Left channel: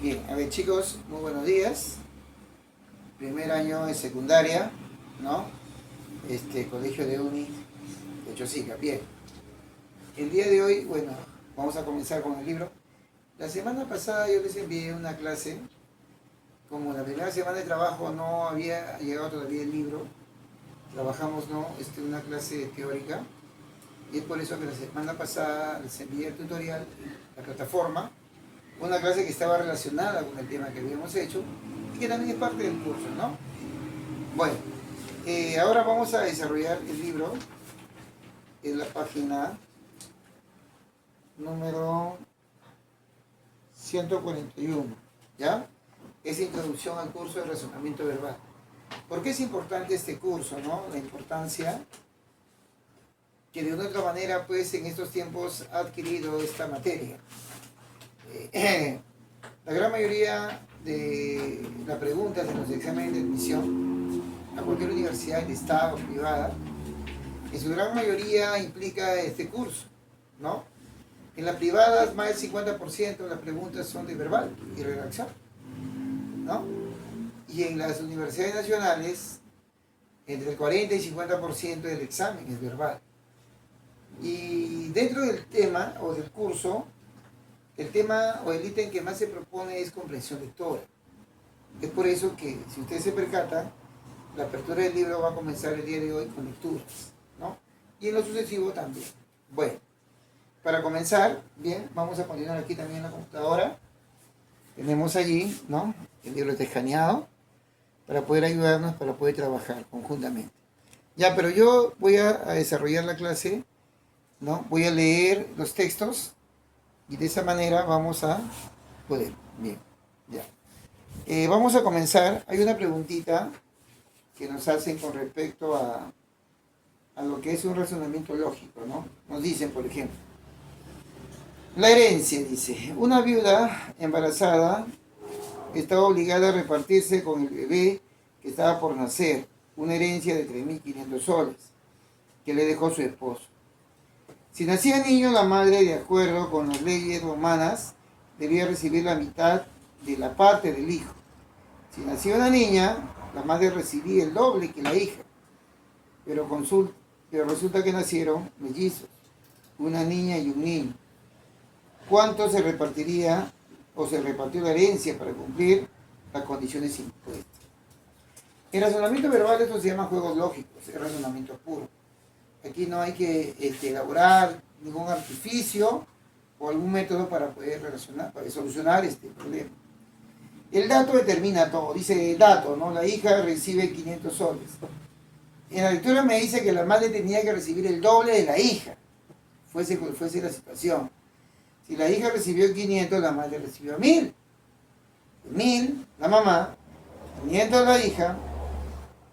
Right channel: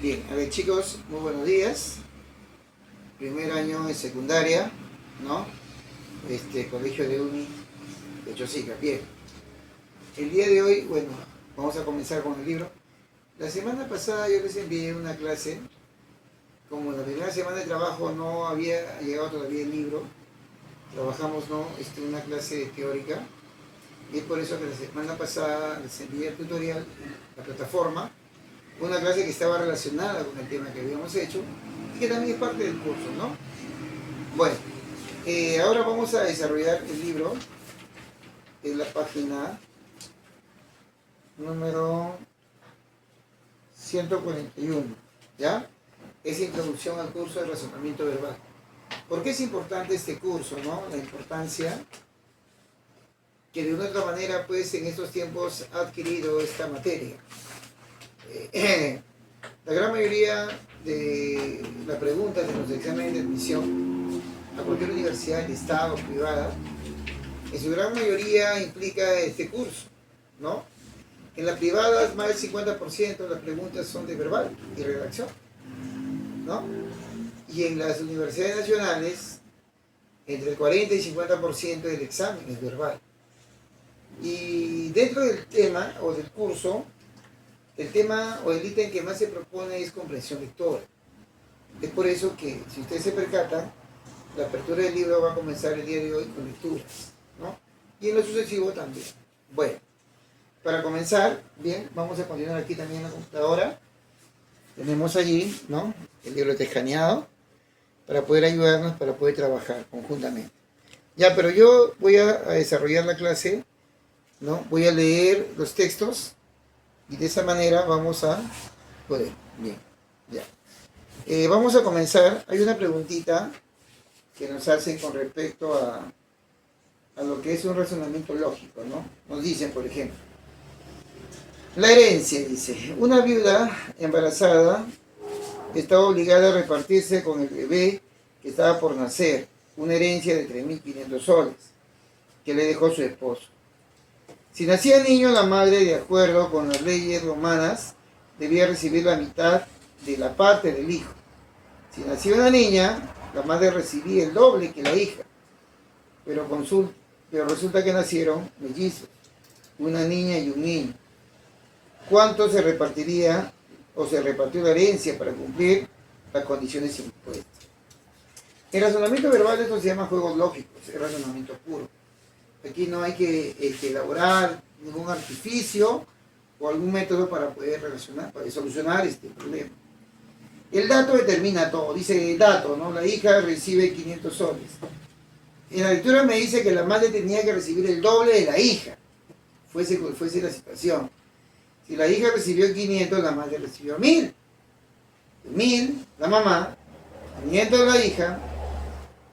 Bien, a ver chicos, muy buenos días. Primer año de secundaria, ¿no? Colegio de Uni de Chosica. Bien, el día de hoy, bueno, vamos a comenzar con el libro. La semana pasada yo les envié una clase. Como la primera semana de trabajo no había llegado todavía el libro, trabajamos, ¿no? Una clase teórica. Y es por eso que la semana pasada les envié el tutorial, la plataforma, una clase que estaba relacionada con el tema que habíamos hecho y que también es parte del curso, ¿no? Bueno, ahora vamos a desarrollar el libro en la página número 141, ¿ya? Es introducción al curso de razonamiento verbal. ¿Por qué es importante este curso, no? La importancia que de una u otra manera, pues, en estos tiempos ha adquirido esta materia. La gran mayoría de las preguntas de los exámenes de admisión a cualquier universidad de Estado o privada, en su gran mayoría implica este curso, ¿no? En las privadas, más del 50% de las preguntas son de verbal y redacción, ¿no? Y en las universidades nacionales, entre el 40 y 50% del examen es verbal. Y dentro del tema o del curso, el tema o el ítem que más se propone es comprensión lectora. Es por eso que, si ustedes se percatan, la apertura del libro va a comenzar el día de hoy con lecturas, ¿no? Y en lo sucesivo también. Bueno, para comenzar, bien, vamos a continuar aquí también en la computadora. Tenemos allí, ¿no?, el libro escaneado para poder ayudarnos, para poder trabajar conjuntamente. Ya, pero yo voy a desarrollar la clase, ¿no? Voy a leer los textos y de esa manera vamos a poder. Bien, ya. Vamos a comenzar. Hay una preguntita que nos hacen con respecto a lo que es un razonamiento lógico, ¿no? Nos dicen, por ejemplo, la herencia, dice, una viuda embarazada estaba obligada a repartirse con el bebé que estaba por nacer una herencia de 3.500 soles que le dejó su esposo. Si nacía niño, la madre, de acuerdo con las leyes romanas, debía recibir la mitad de la parte del hijo. Si nacía una niña, la madre recibía el doble que la hija. Pero resulta que nacieron mellizos, una niña y un niño. ¿Cuánto se repartiría o se repartió la herencia para cumplir las condiciones impuestas? En razonamiento verbal esto se llama juegos lógicos, es razonamiento puro. Aquí no hay que elaborar ningún artificio o algún método para poder solucionar este problema. El dato determina todo. Dice el dato, ¿no? La hija recibe 500 soles. En la lectura me dice que la madre tenía que recibir el doble de la hija, fuese la situación. Si la hija recibió 500, la madre recibió 1.000. 1.000, la mamá, 500 la hija,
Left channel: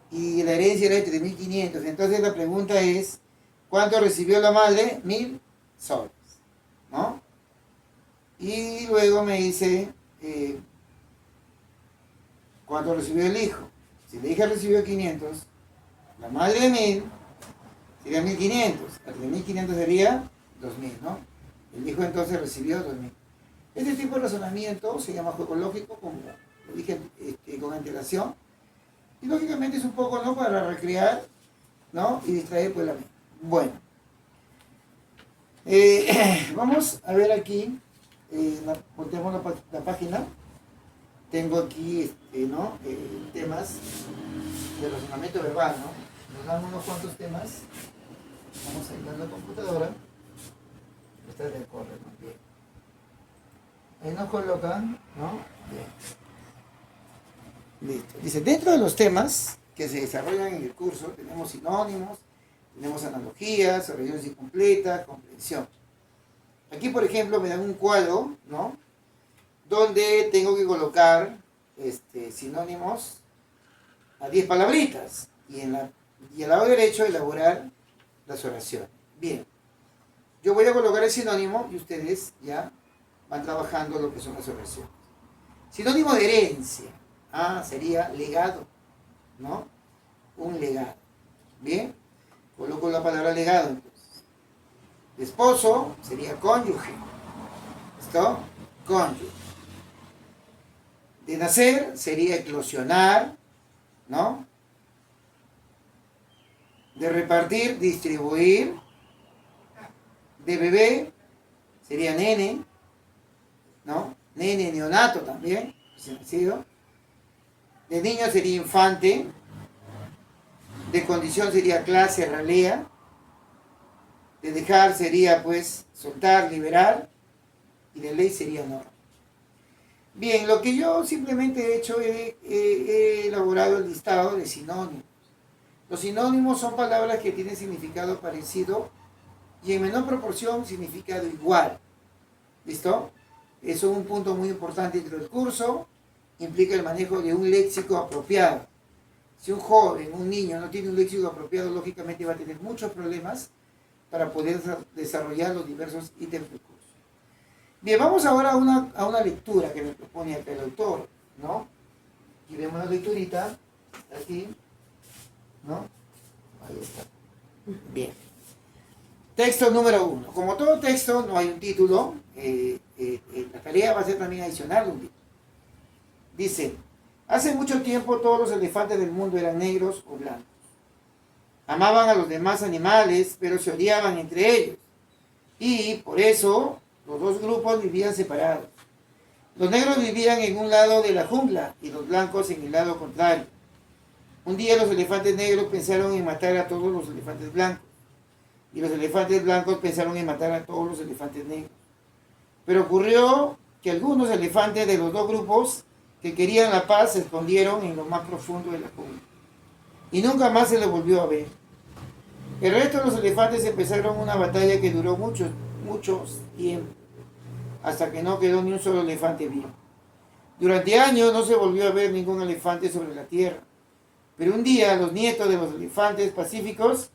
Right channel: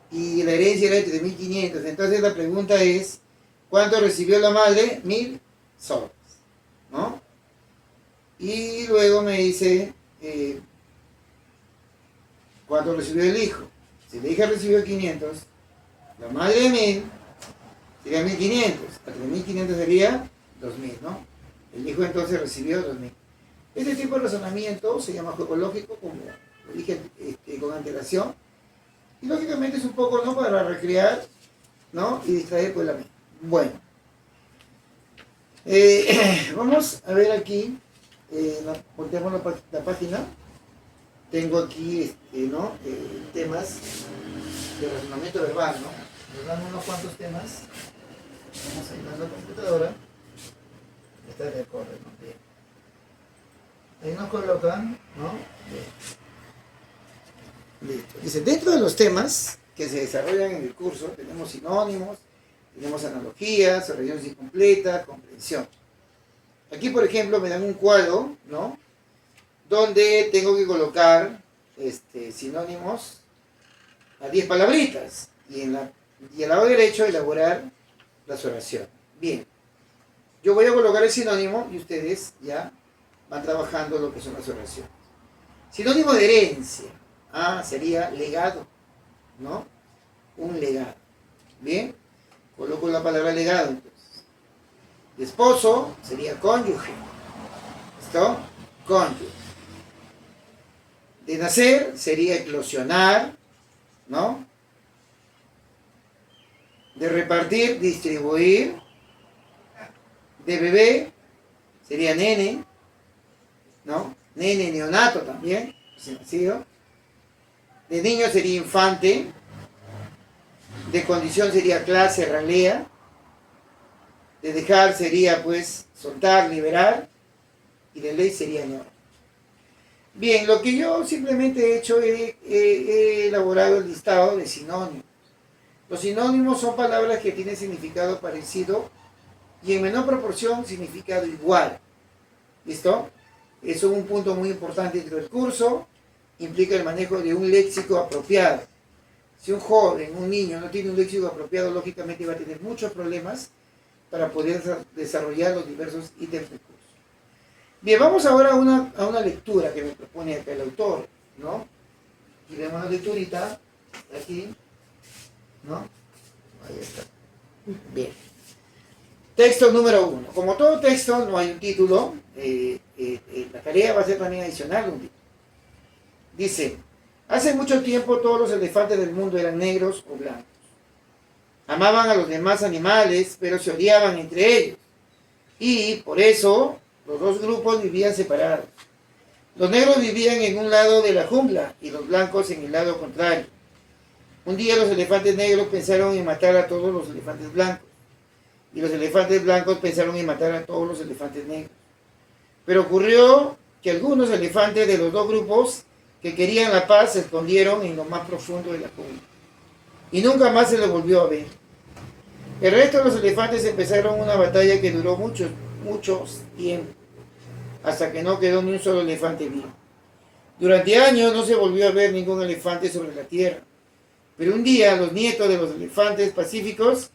y la herencia era de 3.500. Entonces la pregunta es, ¿cuánto recibió la madre? 1.000 soles, ¿no? Y luego me dice, ¿cuánto recibió el hijo? Si la hija recibió 500, la madre 1.000, sería 1.500. A 3.500 sería 2.000, ¿no? El hijo entonces recibió 2.000. Este tipo de razonamiento se llama juego lógico, como lo dije con antelación. Y lógicamente es un poco, ¿no?, para recrear, ¿no?, y distraer pues la mente. Bueno, vamos a ver aquí, volteamos la página. Tengo aquí, temas de razonamiento verbal, ¿no? Nos dan unos cuantos temas. Vamos a ir a la computadora. Esta es de corre, ¿no? Bien. Ahí nos colocan, ¿no? Bien. Listo. Dice, dentro de los temas que se desarrollan en el curso, tenemos sinónimos, tenemos analogías, oraciones incompletas, comprensión. Aquí, por ejemplo, me dan un cuadro, ¿no?, donde tengo que colocar sinónimos a 10 palabritas y al lado derecho elaborar las oraciones. Bien, yo voy a colocar el sinónimo y ustedes ya van trabajando lo que son las oraciones. Sinónimo de herencia, sería legado, ¿no? Un legado. Bien, coloco la palabra legado entonces. De esposo sería cónyuge. ¿Listo? Cónyuge. De nacer sería eclosionar, ¿no? De repartir, distribuir. De bebé sería nene, ¿no? Nene, neonato también, recién nacido. De niño sería infante. De condición sería clase, ralea. De dejar sería, pues, soltar, liberar. Y de ley sería norma. Bien, lo que yo simplemente he hecho, he elaborado el listado de sinónimos. Los sinónimos son palabras que tienen significado parecido y en menor proporción significado igual. ¿Listo? Eso es un punto muy importante dentro del curso. Implica el manejo de un léxico apropiado. Si un joven, un niño no tiene un léxico apropiado, lógicamente va a tener muchos problemas para poder desarrollar los diversos ítems del curso. Bien, vamos ahora a una lectura que me propone acá el autor, ¿no? Y vemos una lecturita, aquí, ¿no? Ahí está. Bien. Texto número 1. Como todo texto, no hay un título. La tarea va a ser también adicional un título. Dice, hace mucho tiempo todos los elefantes del mundo eran negros o blancos. Amaban a los demás animales, pero se odiaban entre ellos. Y por eso los dos grupos vivían separados. Los negros vivían en un lado de la jungla y los blancos en el lado contrario. Un día los elefantes negros pensaron en matar a todos los elefantes blancos. Y los elefantes blancos pensaron en matar a todos los elefantes negros. Pero ocurrió que algunos elefantes de los dos grupos que querían la paz se escondieron en lo más profundo de la jungla. Y nunca más se les volvió a ver. El resto de los elefantes empezaron una batalla que duró muchos tiempo, hasta que no quedó ni un solo elefante vivo. Durante años no se volvió a ver ningún elefante sobre la tierra. Pero un día los nietos de los elefantes pacíficos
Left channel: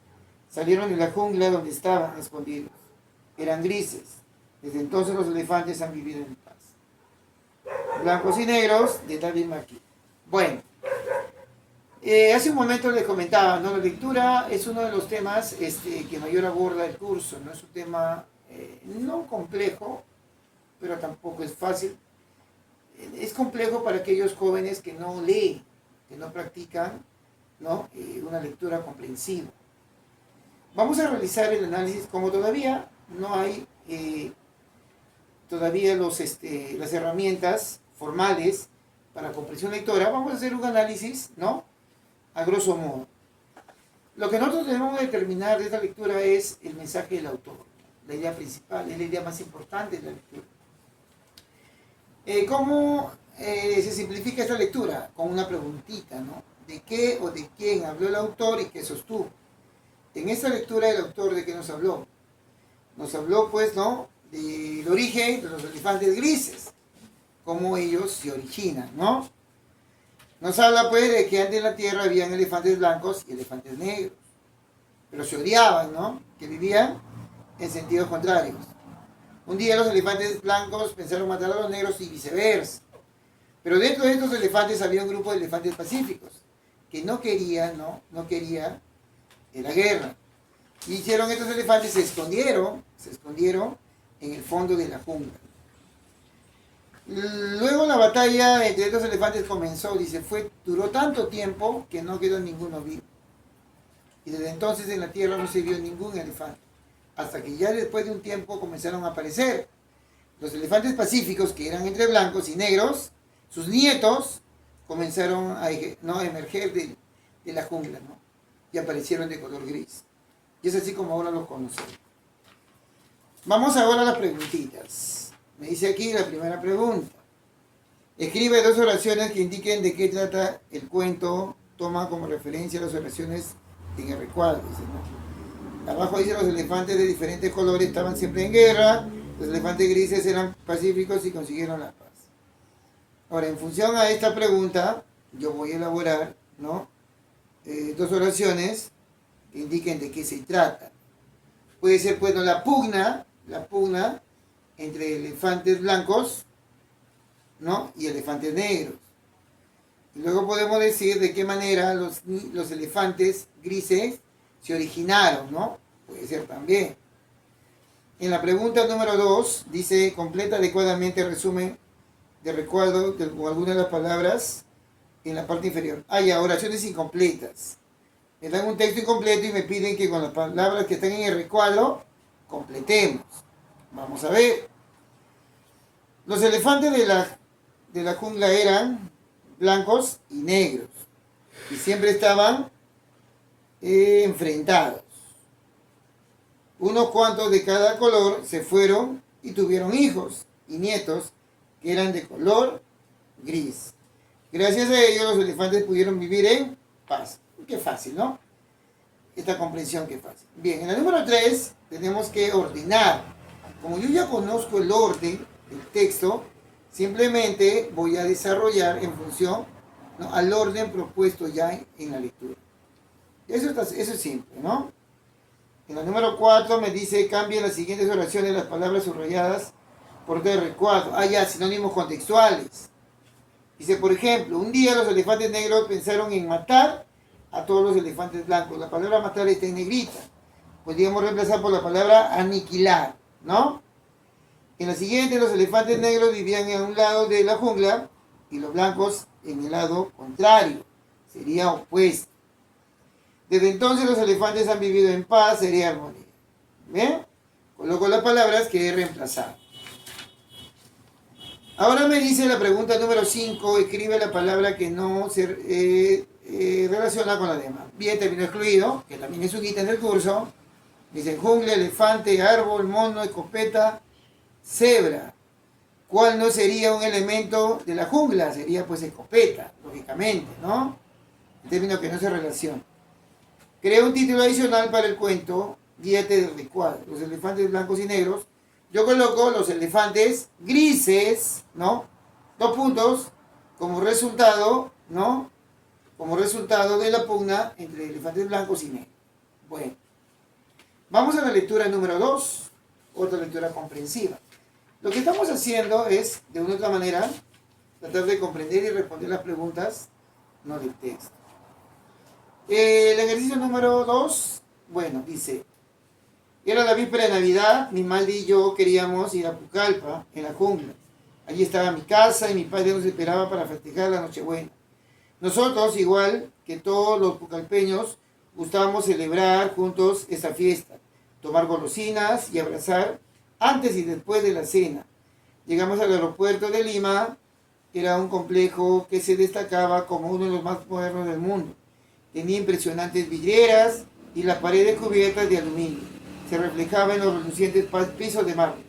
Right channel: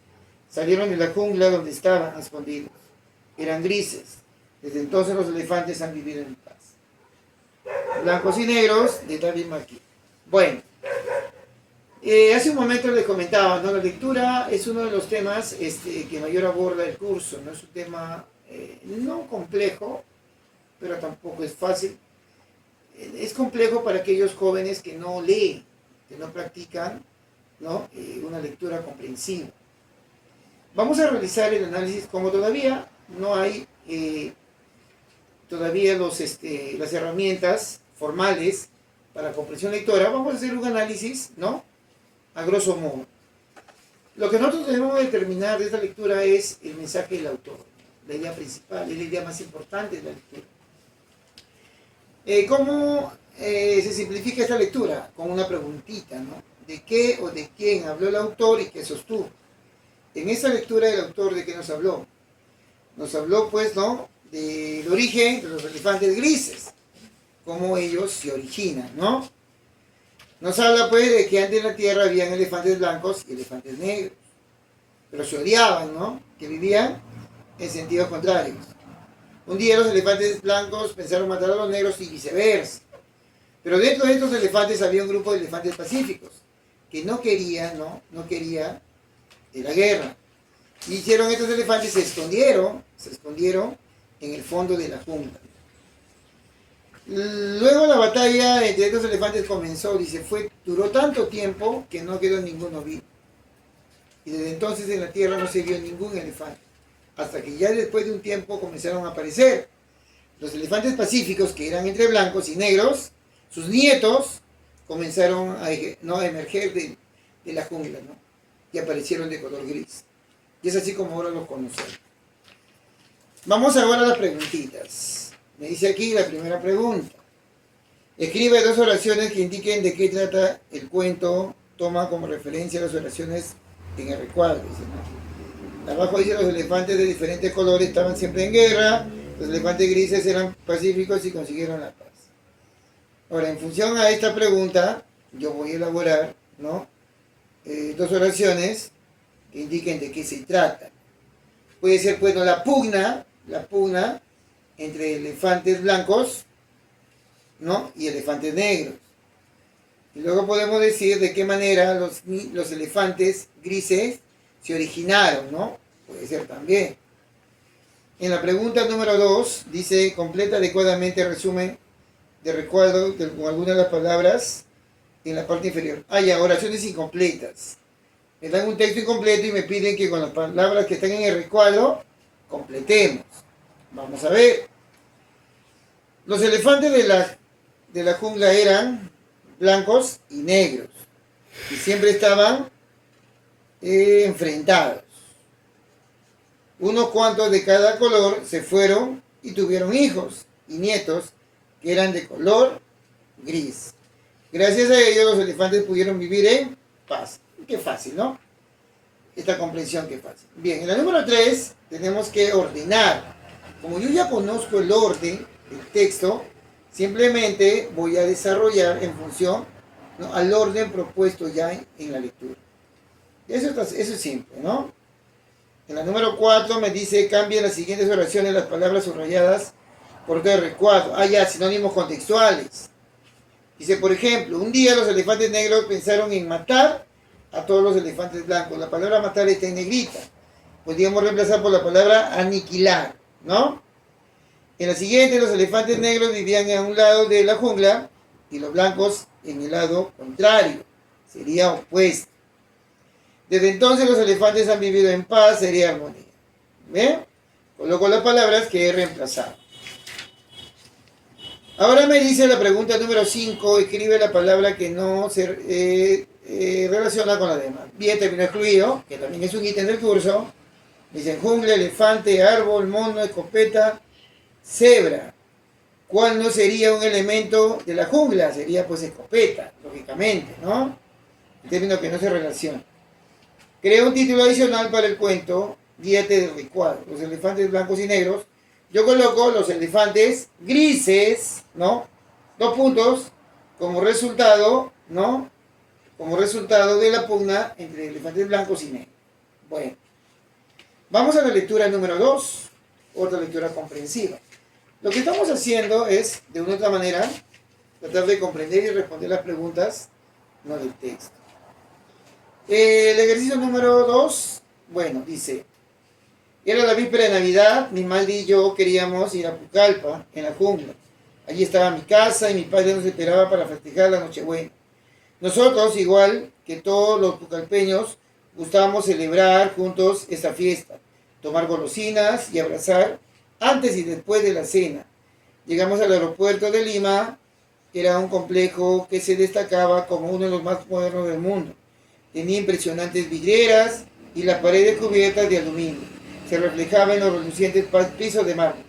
salieron de la jungla donde estaban escondidos. Eran grises. Desde entonces los elefantes han vivido en paz. Blancos y negros, de David Marquis. Bueno, hace un momento les comentaba, ¿no? La lectura es uno de los temas que mayor aborda el curso, ¿no? Es un tema no complejo, pero tampoco es fácil. Es complejo para aquellos jóvenes que no leen, que no practican, ¿no? Una lectura comprensiva. Vamos a realizar el análisis, como todavía no hay todavía las herramientas formales para comprensión lectora, vamos a hacer un análisis, ¿no? A grosso modo. Lo que nosotros debemos determinar de esta lectura es el mensaje del autor, la idea principal, es la idea más importante de la lectura. ¿Cómo se simplifica esta lectura? Con una preguntita, ¿no? ¿De qué o de quién habló el autor y qué sostuvo? En esta lectura el autor, ¿de qué nos habló? Nos habló, pues, ¿no? Del origen de los elefantes grises, cómo ellos se originan, ¿no? Nos habla, pues, de que antes en la Tierra habían elefantes blancos y elefantes negros, pero se odiaban, ¿no? Que vivían en sentidos contrarios. Un día los elefantes blancos pensaron matar a los negros y viceversa. Pero dentro de estos elefantes había un grupo de elefantes pacíficos que no quería la guerra. Y hicieron estos elefantes, se escondieron en el fondo de la jungla. Luego la batalla entre estos elefantes comenzó, dice, duró tanto tiempo que no quedó ninguno vivo. Y desde entonces en la tierra no se vio ningún elefante. Hasta que ya después de un tiempo comenzaron a aparecer los elefantes pacíficos, que eran entre blancos y negros. Sus nietos comenzaron a emerger de la jungla, ¿no? Y aparecieron de color gris. Y es así como ahora los conocemos. Vamos ahora a las preguntitas. Me dice aquí la primera pregunta. Escribe 2 oraciones que indiquen de qué trata el cuento. Toma como referencia las oraciones en el recuadro. Dice, ¿no? Abajo dice, los elefantes de diferentes colores estaban siempre en guerra. Los elefantes grises eran pacíficos y consiguieron la paz. Ahora, en función a esta pregunta, yo voy a elaborar, ¿no? 2 oraciones que indiquen de qué se trata. Puede ser, pues, ¿no? la pugna entre elefantes blancos, ¿no? Y elefantes negros. Y luego podemos decir de qué manera los elefantes grises se originaron, ¿no? Puede ser también. En la pregunta número 2 dice, completa adecuadamente el resumen de recuerdo con algunas de las palabras en la parte inferior. Ya, oraciones incompletas. Me dan un texto incompleto y me piden que con las palabras que están en el recuadro completemos. Vamos a ver. Los elefantes de la jungla eran blancos y negros y siempre estaban enfrentados. Unos cuantos de cada color se fueron y tuvieron hijos y nietos que eran de color gris. Gracias a ellos los elefantes pudieron vivir en paz. Qué fácil, ¿no? Esta comprensión, qué fácil. Bien, en la número 3 tenemos que ordenar. Como yo ya conozco el orden del texto, simplemente voy a desarrollar en función, ¿no?, al orden propuesto ya en la lectura. Eso es simple, ¿no? En la número 4 me dice, cambien las siguientes oraciones las palabras subrayadas por otro de recuadro. Ya, sinónimos contextuales. Dice, por ejemplo, un día los elefantes negros pensaron en matar a todos los elefantes blancos. La palabra matar está en negrita. Podríamos reemplazar por la palabra aniquilar, ¿no? En la siguiente, los elefantes negros vivían en un lado de la jungla y los blancos en el lado contrario. Sería opuesto. Desde entonces los elefantes han vivido en paz, sería armonía. ¿Ven? Coloco las palabras que he reemplazado. Ahora me dice la pregunta número 5, escribe la palabra que no se relaciona con la demás. Bien, término excluido, que también es un ítem del curso. Dice jungla, elefante, árbol, mono, escopeta, cebra. ¿Cuál no sería un elemento de la jungla? Sería pues escopeta, lógicamente, ¿no? El término que no se relaciona. Crea un título adicional para el cuento, guíate del recuadro. Los elefantes blancos y negros. Yo coloco los elefantes grises, ¿no? 2 puntos, como resultado, ¿no? Como resultado de la pugna entre elefantes blancos y negros. Bueno, vamos a la lectura número 2, otra lectura comprensiva. Lo que estamos haciendo es, de una u otra manera, tratar de comprender y responder las preguntas, no del texto. El ejercicio número 2, bueno, dice, era la víspera de Navidad, mi madre y yo queríamos ir a Pucallpa, en la jungla. Allí estaba mi casa y mi padre nos esperaba para festejar la Nochebuena. Nosotros, igual que todos los pucallpeños, gustábamos celebrar juntos esta fiesta, tomar golosinas y abrazar antes y después de la cena. Llegamos al aeropuerto de Lima, que era un complejo que se destacaba como uno de los más modernos del mundo. Tenía impresionantes vidrieras y las paredes cubiertas de aluminio. Se reflejaba en los relucientes pisos de mármol.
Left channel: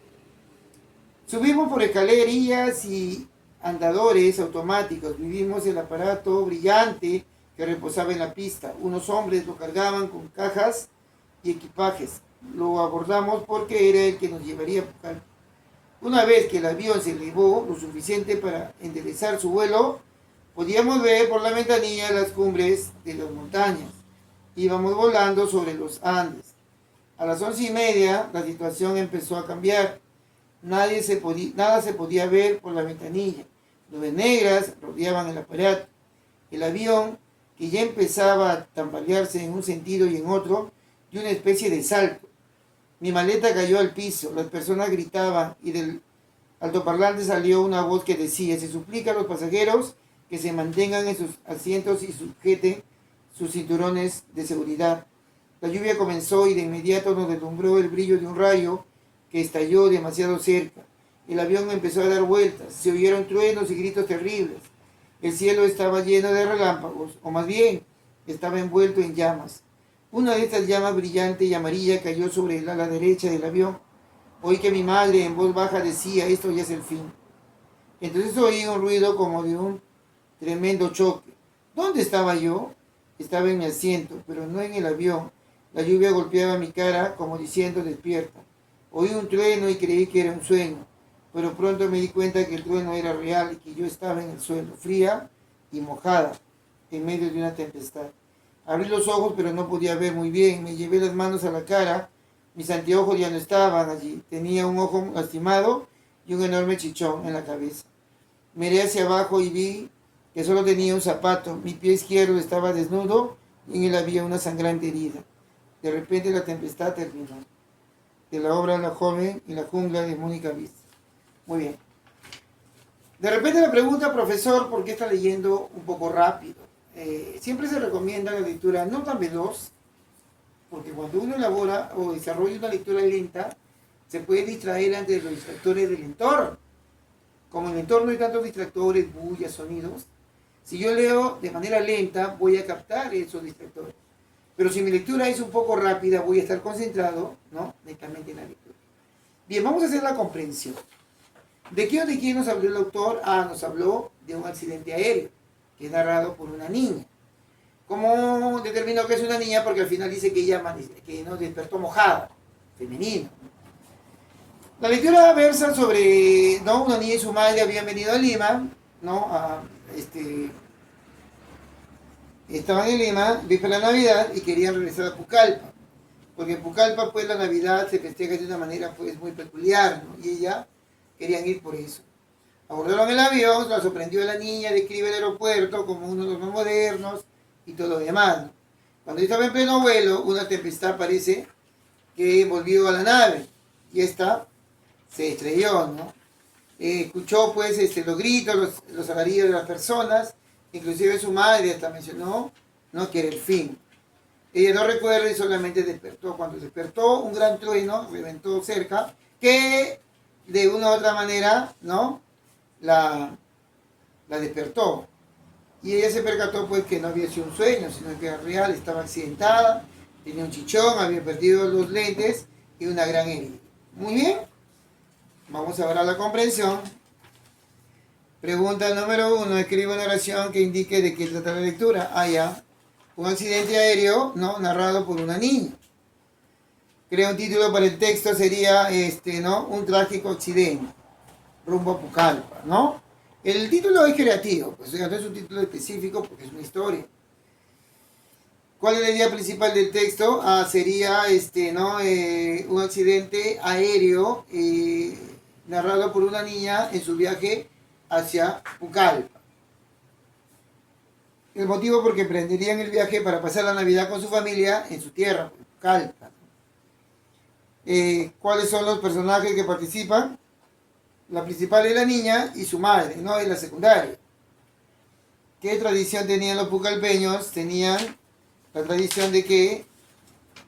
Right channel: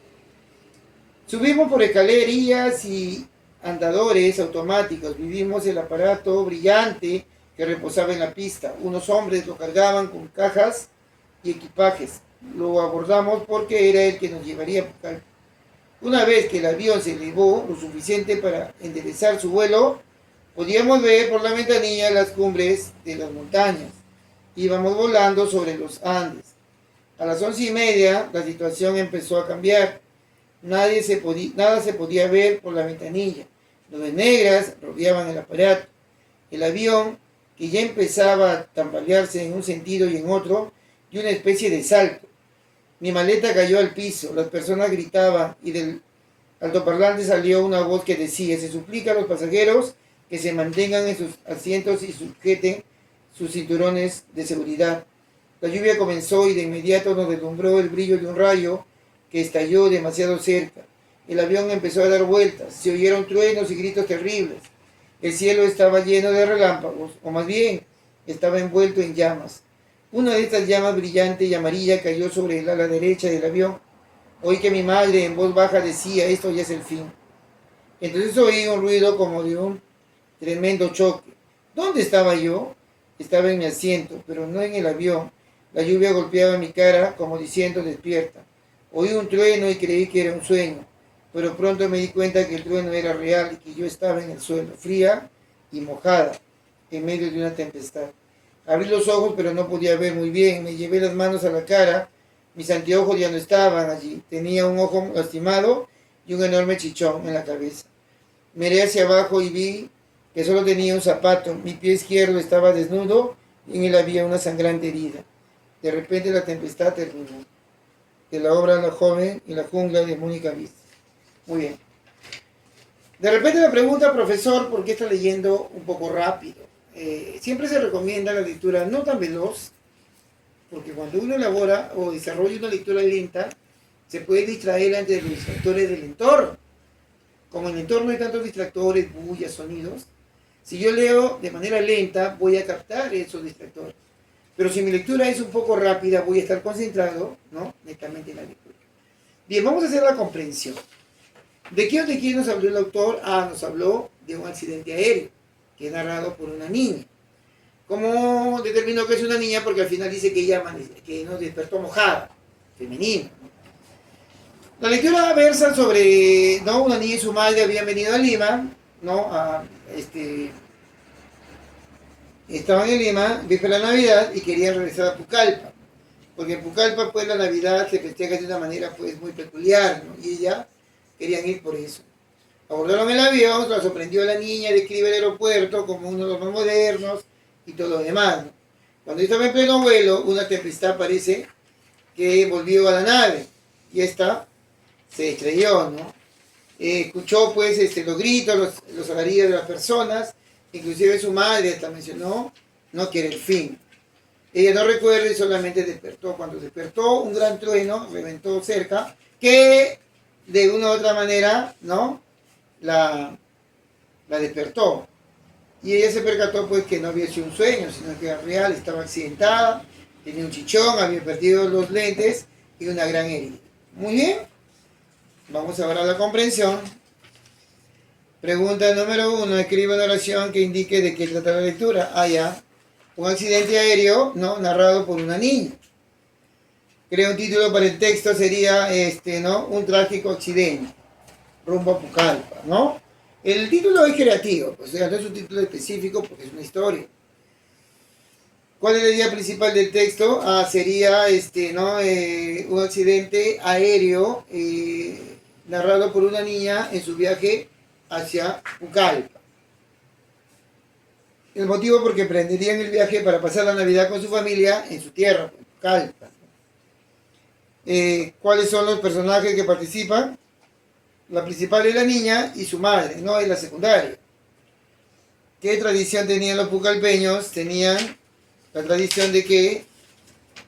Subimos por escaleras y andadores automáticos. Vimos el aparato brillante que reposaba en la pista. Unos hombres lo cargaban con cajas y equipajes. Lo abordamos porque era el que nos llevaría a Pucallpa. Una vez que el avión se elevó lo suficiente para enderezar su vuelo, podíamos ver por la ventanilla las cumbres de las montañas. Íbamos volando sobre los Andes. A las 11:30 la situación empezó a cambiar. Nada se podía ver por la ventanilla. Nubes negras rodeaban el aparato. El avión, que ya empezaba a tambalearse en un sentido y en otro, dio una especie de salto. Mi maleta cayó al piso, las personas gritaban y del altoparlante salió una voz que decía, se suplica a los pasajeros que se mantengan en sus asientos y sujeten sus cinturones de seguridad. La lluvia comenzó y de inmediato nos deslumbró el brillo de un rayo que estalló demasiado cerca. El avión empezó a dar vueltas, se oyeron truenos y gritos terribles. El cielo estaba lleno de relámpagos, o más bien, estaba envuelto en llamas. Una de estas llamas brillante y amarilla cayó sobre el ala derecha del avión. Oí que mi madre en voz baja decía, esto ya es el fin. Entonces oí un ruido como de un tremendo choque. ¿Dónde estaba yo? Estaba en mi asiento, pero no en el avión. La lluvia golpeaba mi cara como diciendo, despierta. Oí un trueno y creí que era un sueño, pero pronto me di cuenta que el trueno era real y que yo estaba en el suelo, fría y mojada, en medio de una tempestad. Abrí los ojos, pero no podía ver muy bien. Me llevé las manos a la cara. Mis anteojos ya no estaban allí. Tenía un ojo lastimado y un enorme chichón en la cabeza. Miré hacia abajo y vi que solo tenía un zapato. Mi pie izquierdo estaba desnudo y en él había una sangrante herida. De repente la tempestad terminó. De la obra La joven y la jungla de Mónica Viz. Muy bien. De repente me pregunta, profesor, ¿por qué está leyendo un poco rápido? Siempre se recomienda la lectura no tan veloz, porque cuando uno elabora o desarrolla una lectura lenta, se puede distraer ante los distractores del entorno. Como en el entorno hay tantos distractores, bullas, sonidos, si yo leo de manera lenta, voy a captar esos distractores. Pero si mi lectura es un poco rápida, voy a estar concentrado, ¿no?, netamente en la lectura. Bien, vamos a hacer la comprensión. ¿De qué o de quién nos habló el autor? Nos habló de un accidente aéreo, que es narrado por una niña. ¿Cómo determinó que es una niña? Porque al final dice que ella que nos despertó mojada, femenina. La lectura versa sobre, ¿no?, una niña y su madre habían venido a Lima, ¿no? Estaban en Lima, víspera de Navidad, y querían regresar a Pucallpa. Porque en Pucallpa, pues, la Navidad se festeja de una manera, pues, muy peculiar, ¿no? Y ella querían ir por eso. Abordaron el avión, la sorprendió la niña, describe el aeropuerto como uno de los más modernos y todo lo demás, ¿no? Cuando estaba en pleno vuelo, una tempestad parece que volvió a la nave y esta se estrelló, ¿no? Escuchó, pues, los gritos, los alaridos de las personas, inclusive su madre hasta mencionó, ¿no?, que era el fin. Ella no recuerda y solamente despertó. Cuando despertó, un gran trueno reventó cerca, que de una u otra manera, ¿no?, la despertó. Y ella se percató, pues, que no había sido un sueño, sino que era real, estaba accidentada, tenía un chichón, había perdido los lentes y una gran herida. Muy bien, vamos a ver a la comprensión. Pregunta número 1, escribe una oración que indique de qué trata la lectura. Ya. Un accidente aéreo, ¿no?, narrado por una niña. Crea un título para el texto, sería, ¿no?, un trágico accidente, rumbo a Pucallpa, ¿no? El título es creativo, pues, o sea, no es un título específico porque es una historia. ¿Cuál es la idea principal del texto? Sería, ¿no?, un accidente aéreo narrado por una niña en su viaje hacia Pucallpa. El motivo porque emprenderían el viaje para pasar la Navidad con su familia en su tierra, Pucallpa. ¿Cuáles son los personajes que participan? La principal es la niña y su madre, ¿no? Es la secundaria. ¿Qué tradición tenían los pucallpeños? Tenían la tradición de que,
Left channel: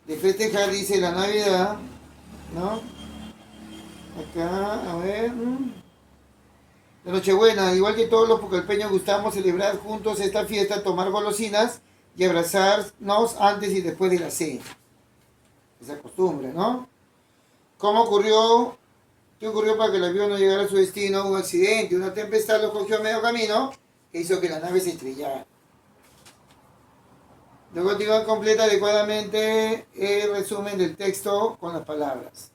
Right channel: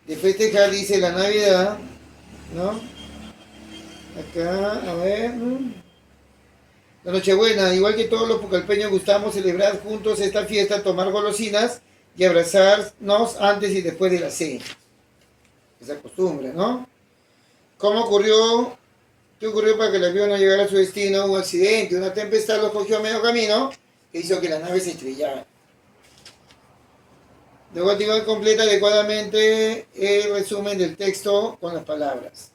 de festejar, dice, la Navidad, ¿no? Acá, a ver. La Nochebuena, igual que todos los pucallpeños, gustamos celebrar juntos esta fiesta, tomar golosinas y abrazarnos antes y después de la cena. Esa costumbre, ¿no? ¿Cómo ocurrió? ¿Qué ocurrió para que el avión no llegara a su destino? Un accidente, una tempestad lo cogió a medio camino e hizo que la nave se estrellara. Luego digo, completa adecuadamente el resumen del texto con las palabras.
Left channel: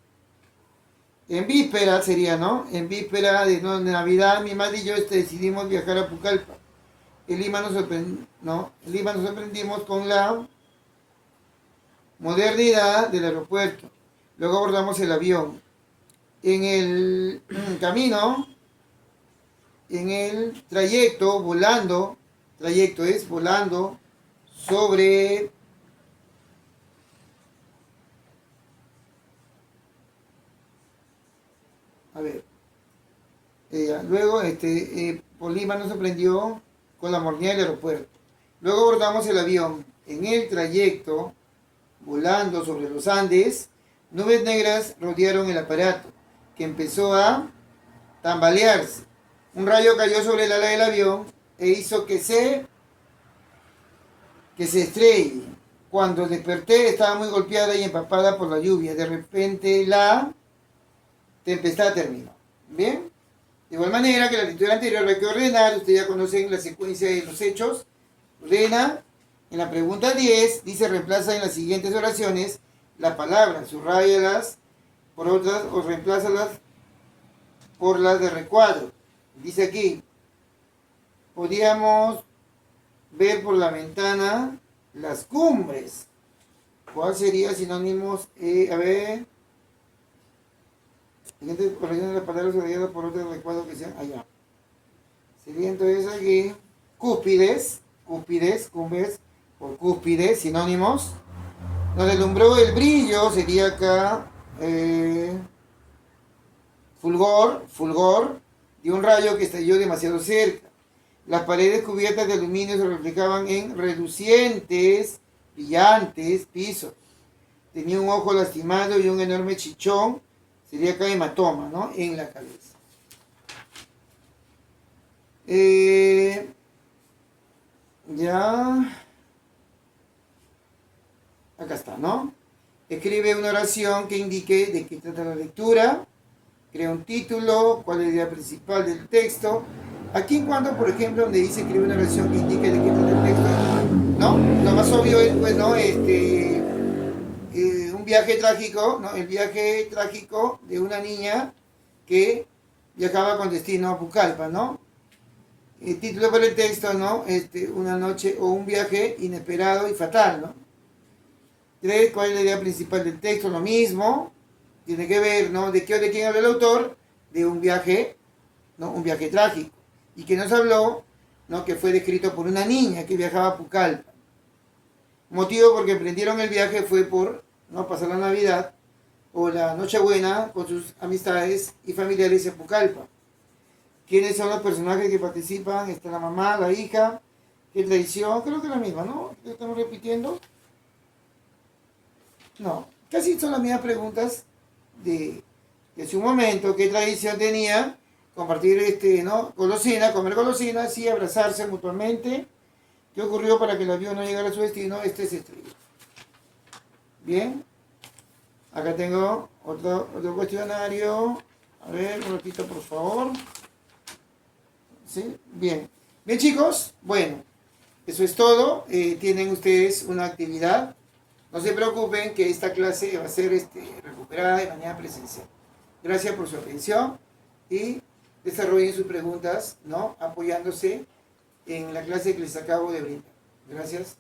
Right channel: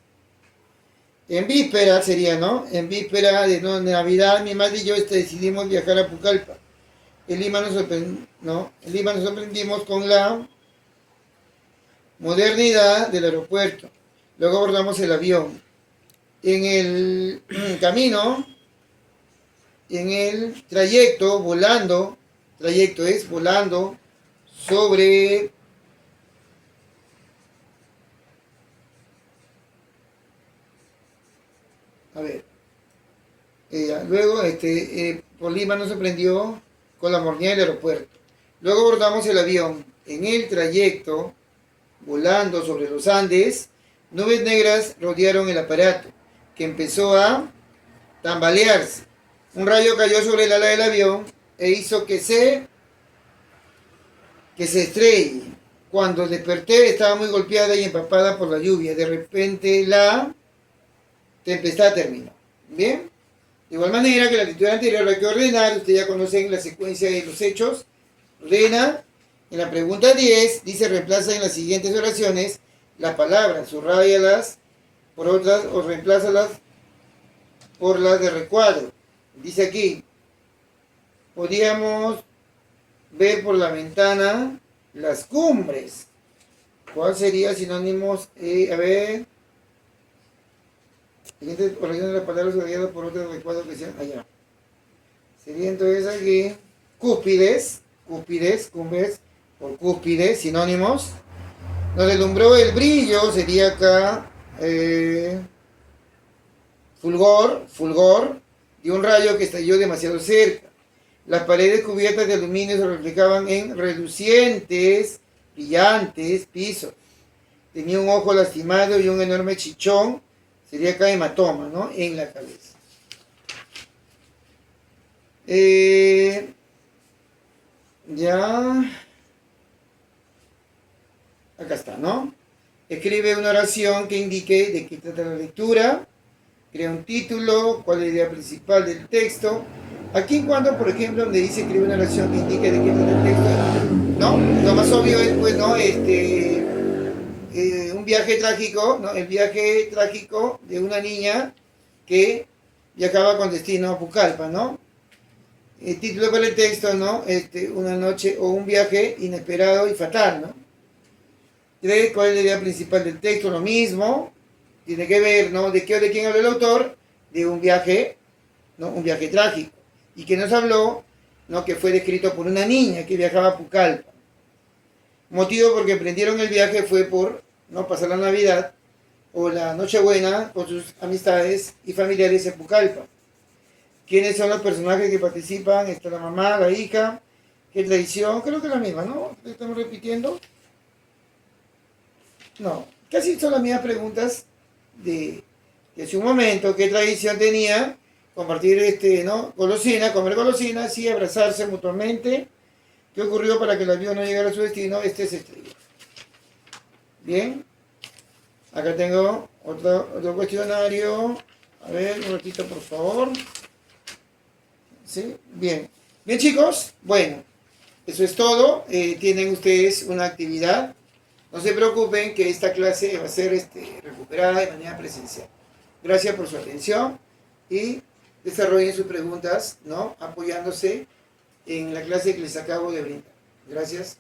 En víspera sería, ¿no? En víspera de Navidad, mi madre y yo decidimos viajar a Pucallpa. En Lima nos sorprendimos con la modernidad del aeropuerto. Luego abordamos el avión. En el camino, en el trayecto, volando sobre luego por Lima nos sorprendió con la modernidad del aeropuerto. Luego abordamos el avión. En el trayecto, volando sobre los Andes, nubes negras rodearon el aparato, que empezó a tambalearse. Un rayo cayó sobre el ala del avión e hizo que se estrelle. Cuando desperté estaba muy golpeada y empapada por la lluvia. De repente la tempestad terminó. ¿Bien? De igual manera que la lectura anterior hay que ordenar. Ustedes ya conocen la secuencia de los hechos. Ordena. En la pregunta 10 dice reemplaza en las siguientes oraciones las palabras, subráyalas por otras o reemplázalas por las de recuadro. Dice aquí, podíamos ver por la ventana las cumbres. ¿Cuál sería sinónimos? A ver. Siguiente corrección de las palabras subrayadas por otras de recuadro que sean allá. Sería entonces aquí cúspides, cumbres, por cúspides, sinónimos. Nos deslumbró el brillo, sería acá fulgor, de un rayo que estalló demasiado cerca. Las paredes cubiertas de aluminio se reflejaban en relucientes, brillantes pisos. Tenía un ojo lastimado y un enorme chichón, sería acá hematoma, ¿no? En la cabeza. Ya. Acá está, ¿no? Escribe una oración que indique de qué trata la lectura. Crea un título, cuál es la idea principal del texto. Aquí cuando, por ejemplo, donde dice escribe una oración que indique de qué trata el texto, ¿no? Lo más obvio es, pues, ¿no? Un viaje trágico, ¿no? El viaje trágico de una niña que viajaba con destino a Pucallpa, ¿no? El título para el texto, ¿no? Una noche o un viaje inesperado y fatal, ¿no? ¿Cuál es la idea principal del texto? Lo mismo, tiene que ver, ¿no? ¿De qué o de quién habla el autor? De un viaje, ¿no? Un viaje trágico. Y que nos habló, ¿no? Que fue descrito por una niña que viajaba a Pucallpa. Motivo porque emprendieron el viaje fue por, ¿no? Pasar la Navidad o la Nochebuena con sus amistades y familiares en Pucallpa. ¿Quiénes son los personajes que participan? Está la mamá, la hija. ¿Qué tradición? Creo que es la misma, ¿no? ¿Estamos repitiendo? No, casi son las mismas preguntas de hace un momento. ¿Qué tradición tenía? Compartir, ¿no? Golosina, comer golosinas y abrazarse mutuamente. ¿Qué ocurrió para que el avión no llegara a su destino? Este es estrella. Bien. Acá tengo otro cuestionario. A ver, un ratito, por favor. ¿Sí? Bien. Bien, chicos. Bueno, eso es todo. Tienen ustedes una actividad. No se preocupen que esta clase va a ser recuperada de manera presencial. Gracias por su atención y desarrollen sus preguntas, ¿no? Apoyándose en la clase que les acabo de brindar. Gracias.